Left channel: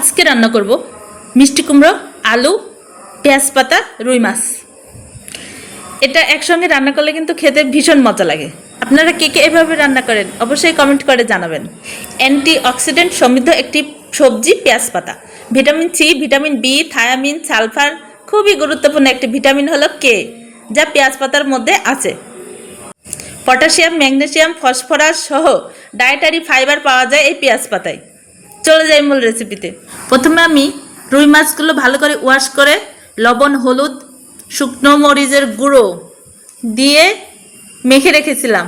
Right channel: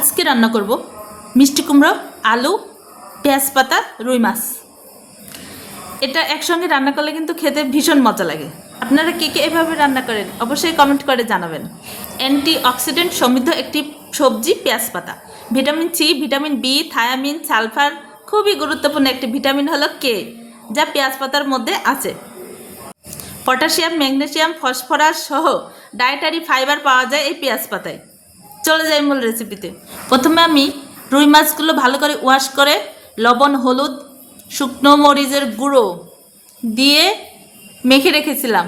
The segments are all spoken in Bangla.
আজকে রান্না করব মিষ্টি কুমড়ো, আলু, পেঁয়াজ পাতা, রুই মাছ। এটা একসঙ্গে রান্না করলে কিন্তু খেতে ভীষণ মজা লাগে। আপনারা কে কে এভাবে রান্না করেন অবশ্যই কমেন্ট করে জানাবেন। অ্যান্টি অক্সিডেন্ট সমৃদ্ধ একটি সবজি, পেঁয়াজ পাতা। Vitamin C, vitamin B, thiamine, sulphur খুবই গুরুত্বপূর্ণ একটি ভিটামিন হলো কে যা পেঁয়াজ পাতার মধ্যে আছে। পটাশিয়াম ম্যাগনেসিয়াম ফসফরাস সহ ডায়েটারি ফাইবার পাওয়া যায় এই পেঁয়াজ পাতায়। চলে যাই মূল রেসিপিতে প্রথমে আমি রুই মাছগুলো ভালো করে ওয়াশ করে লবণ, হলুদ, শুকনো মরিচের গুঁড়ো দিয়ে মেখে রেখেছিলাম।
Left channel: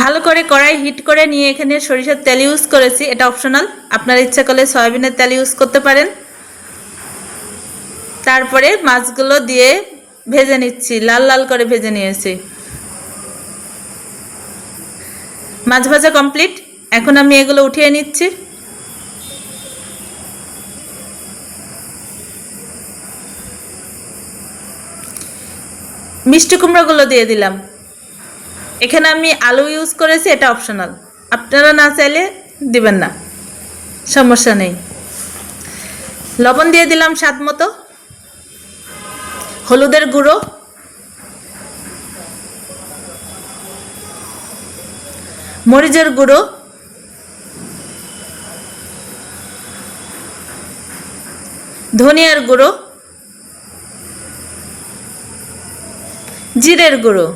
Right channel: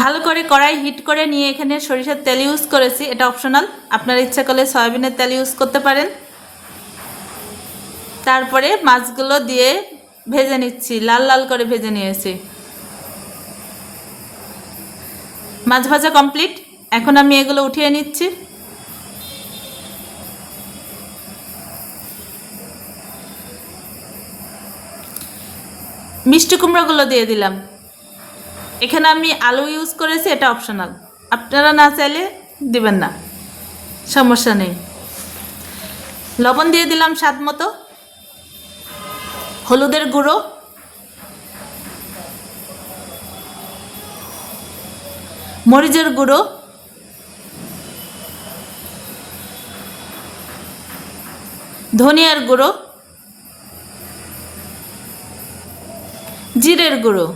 ভালো করে কড়াই হিট করে নিয়ে এখানে সরিষার তেল ইউজ করেছি, এটা অপশনাল আপনার ইচ্ছা করলে সয়াবিনের তেল ইউজ করতে পারেন। তারপরে মাছগুলো দিয়ে ভেজে নিচ্ছি, লাল লাল করে ভেজে নিয়েছি। মাছ ভাজা কমপ্লিট এখন আমি এগুলো উঠিয়ে নিচ্ছি। মিষ্টি কুমড়োগুলো দিয়ে দিলাম। এখানে আমি আলু ইউজ করেছি, এটা অপশনাল আপনারা না চাইলে দিবেন না, সমস্যা নেই। লবণ দিয়ে দিলাম স্বাদ মতো। হলুদের গুঁড়ো। মরিচের গুঁড়ো। ধনিয়ার গুঁড়ো, জিরের গুঁড়ো।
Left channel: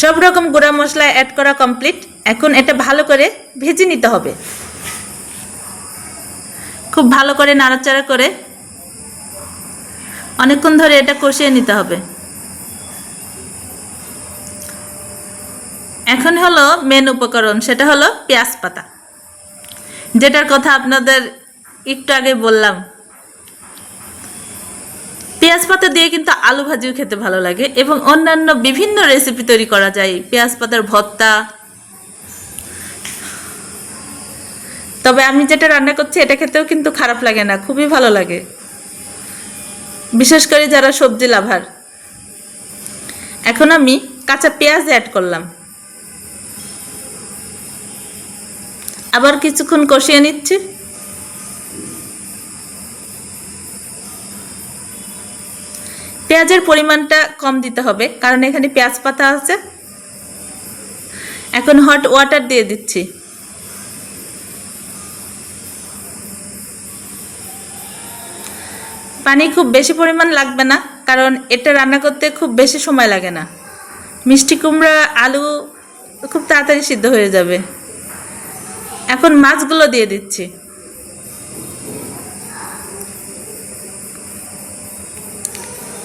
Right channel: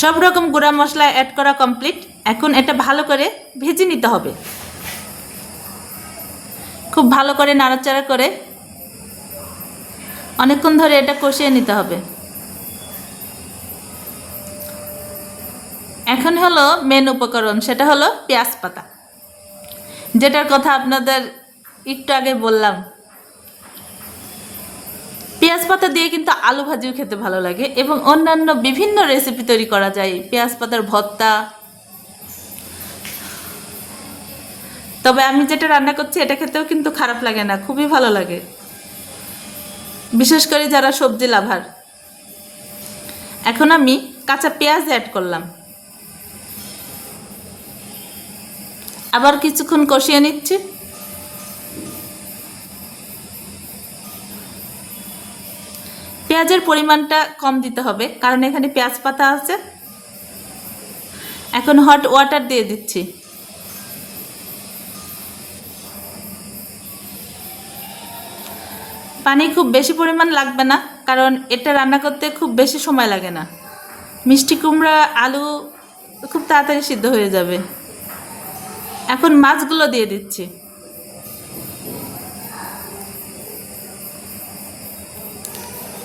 সব রকম গুঁড়া মশলা অ্যাড করা কমপ্লিট এখন এটা ভালো করে ভেজে নিতে হবে। খুব ভালো করে নাড়াচাড়া করে অনেকক্ষণ ধরে এটা কষিয়ে নিতে হবে। এখন হলো মেন উপকরণ, সেটা হলো পেঁয়াজ পাতা। যেটার কথা আপনাদের একটু আগে বললাম। পেঁয়াজ পাতা দিয়ে কিন্তু আলু ভাজিও খেতে ভালো লাগে এবং অন্যান্য বিভিন্ন রেসিপি তৈরি করা যায়। পেঁয়াজ পাতার ভর্তা। তবে আমি যেটা রান্না করছি, এটা খেতেও কিন্তু খারাপ লাগে না, খুবই ভালো লাগে। বিশেষ করে যারা সবজি লাভার। এখন আমি কাঁচা পেঁয়াজ অ্যাড করলাম। আবার কিছুক্ষণ কষিয়ে নিচ্ছি। পেঁয়াজের পরিমাণটা কম দিতে হবে, কারণ এখানে পেঁয়াজ পাতা আছে। এখন হট ওয়াটার দিয়ে দিচ্ছি। পানি খুব বেশি পরিমাণ লাগবে না, কারণ এটা রান্না করতে খুব বেশি সময় লাগে না। মিষ্টি কুমড়া, আলু খুব তাড়াতাড়ি সিদ্ধ হয়ে যাবে। এখন মাছগুলো দিয়ে দিচ্ছি।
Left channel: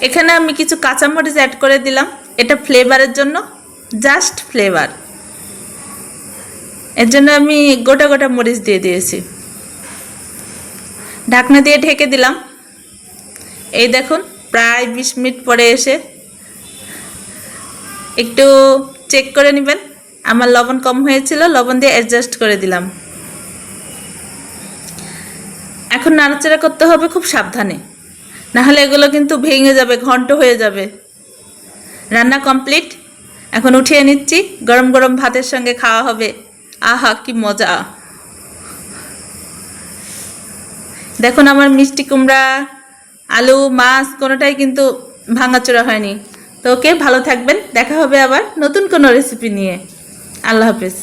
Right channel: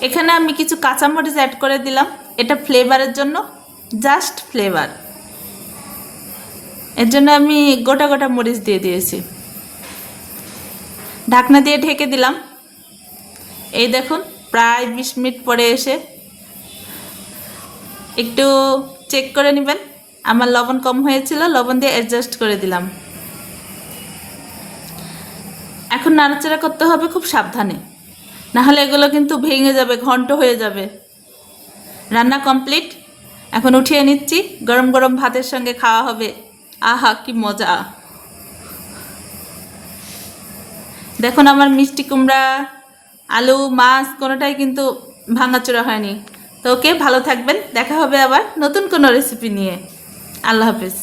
এখানে আমি কিছু কাঁচামরিচ অ্যাড করে দিলাম। এটা ফ্লেভারের জন্য জাস্ট ফ্লেভার এর জন্য আমি গোটা গোটা মরিচ দিয়ে দিয়েছি। ঢাকনা দিয়ে ঢেকে দিলাম। এই দেখুন, প্রায় বিশ মিনিট পরে এসে একটু চেক করে নেবেন। আমার লবণ কম হয়েছিল, লবণ দিয়ে অ্যাডজাস্ট করে দিলাম। এখন নাড়াচাড়া করতে হবে খুব সাবধানে। নাহলে এগুলো কিন্তু ভেঙে যাবে, ঘন্ট হয়ে যাবে। রান্না কমপ্লিট? এখন উঠিয়ে নিচ্ছি, গরম গরম ভাতের সঙ্গে খাওয়া হবে। আহা, কি মজা। দেখুন আমার মিষ্টি কুমড়া, আলু, মাছ, কোনোটাই কিন্তু ভাঙাচোরা হয়নি। তো ওকে ভালো থাকবেন, দেখা হবে আবার নতুন কোনো রেসিপি নিয়ে। আল্লাহ হাফেজ।